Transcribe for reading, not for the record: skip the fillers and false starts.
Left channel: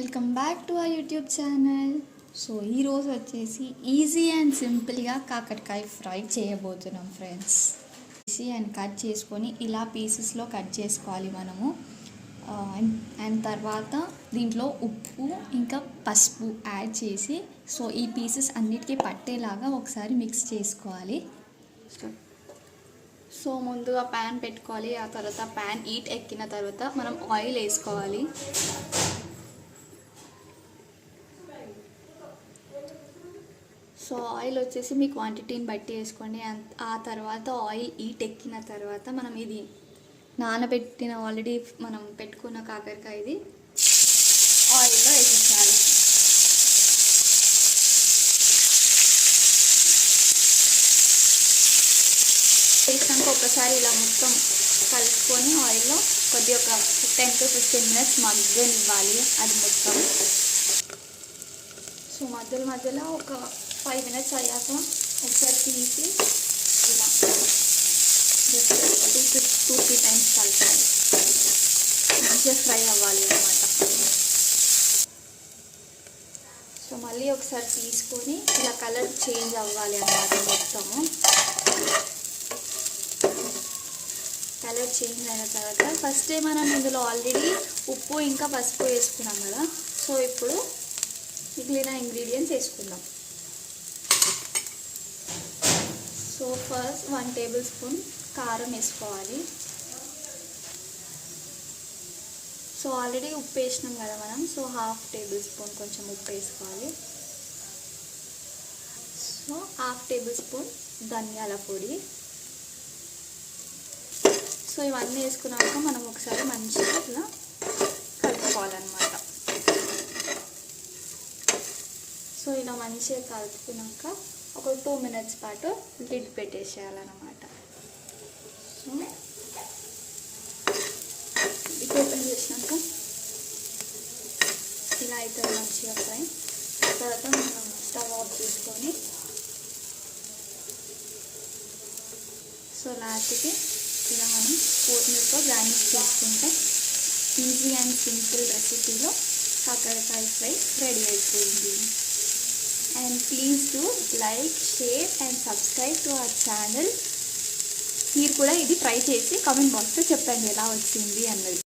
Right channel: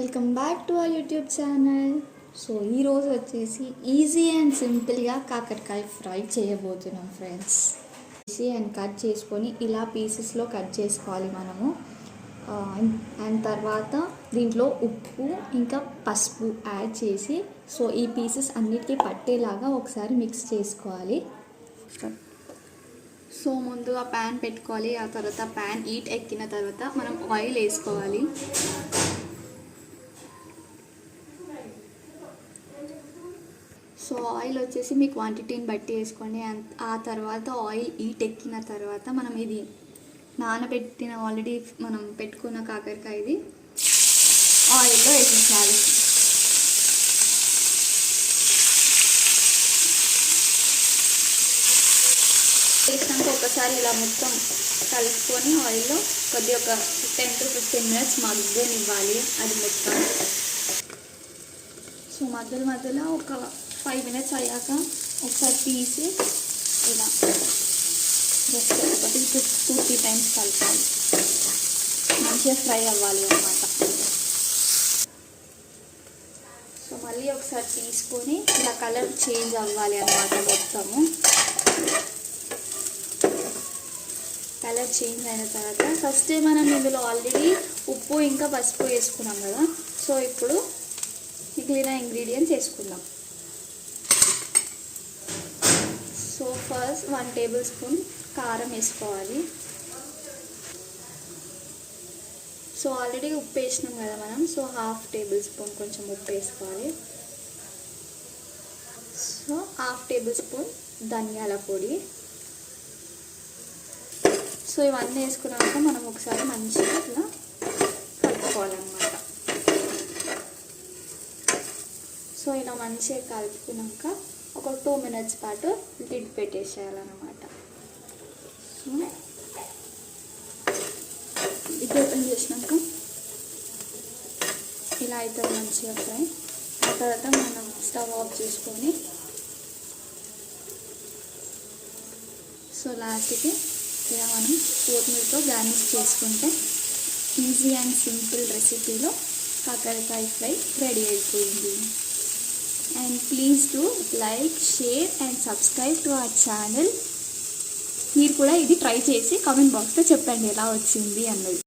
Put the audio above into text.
Welcome back to our YouTube channel. So ఈరోజు వచ్చేసి easy and సింపుల్గా కాకరకాయ ఫ్రై చేయబోతున్నాం ఫ్రెండ్స్. ఈజీ అండ్ కట్ చేసుకొని ఇలా పీసెస్లో కట్ చేసుకోవాలి మనము. అండ్ తర్వాత దీంట్లో ఉప్పు ఇంకా పసుపు యాడ్ చేసి సో ఈ పీసెస్ అన్నిటికీ పట్టేలాగా ఒకసారి మిక్స్ చేసుకోవాలి. సో ముందుగా ప్యాన్ పెట్టుకోవాలి. ఆ తర్వాత ప్యాన్ హీట్ ఎక్కిన తర్వాత మనం ఆయిల్ వేసుకోవాలి. సో ఆయిల్ వచ్చేసి మీ క్వాంటిటీని బట్టి వేసుకోండి. ఆ తర్వాత ఆయిల్ హీట్ ఎక్కిన తర్వాత మనం ఇది నానబెట్టిన ఆల్రెడీ మనం పెట్టుకున్న కాకరకాయ ఇది ఆయిల్లో వేసేసాలి. వేసినాక ఒకసారి ఇలా మొత్తం కలుపుకొని ఆయిల్లో కొద్దిగా ఒక 10 to 15 minutes మగ్గనివ్వాలి అది మొత్తం. సో మధ్యలో ఒక 5 minutes అయ్యాక ఒకసారి తీసి ఇలా జస్ట్ ఒక 2-3 times కలపాలి. మంచిగా ఫ్రై అవ్వాలి అన్నమాట. సో మళ్ళీ ఒకసారి తీసుకొని ఇలా కలర్ చేంజ్ అవ్వాలి అన్నమాట. మొత్తము కలర్ చేంజ్ అయిన తర్వాత ఫస్ట్ మనం ఇందులో ఆల్రెడీ ఉప్పు ఇంకా పసుపు వేసుకున్నాం కదా. సో ఇప్పుడు మిగిలిన ఇంగ్రీడియంట్స్ వేసుకుందాం. సో ఫస్ట్ 1 tablespoon కారం వేసుకోవాలి. సో ఆల్రెడీ ఉప్పు వేసినాం కదా మనం. సో 1/2 tablespoon కొంచెం ఉప్పు వేసుకోవాలి. సో 1/2 tablespoon ధనియాల పొడి. సో ఇవన్నీ వేసుకున్నాక మనం ఒకసారి మంచిగా ఇట్లా కలుపుకోవాలన్నమాట. సో ఇలా మంచిగా కలుపుకున్నాక ఒక 2 minutes పాటు లిడ్ పెట్టేసేయాలన్నమాట. సో ఇది ఓపెన్ చేసినాక ఇలా అవుతుంది మంచిగా ఫ్రై. ఆ తర్వాత మనం స్టవ్ ఆఫ్ చేసుకొని సో లాస్ట్కి ఇలా మనం కొత్తిమీరతో గార్నిష్ చేసుకుంటే ఈజీ అండ్ సింపుల్ రెసిపీలో కాకరకాయ ఫ్రై రెడీ అయిపోయింది. And please do like, share and subscribe to our channel. మీరు కూడా ఇది ట్రై చేసి కామెంట్ బాక్స్లో చెప్పండి ఎలా వచ్చింది అన్నది.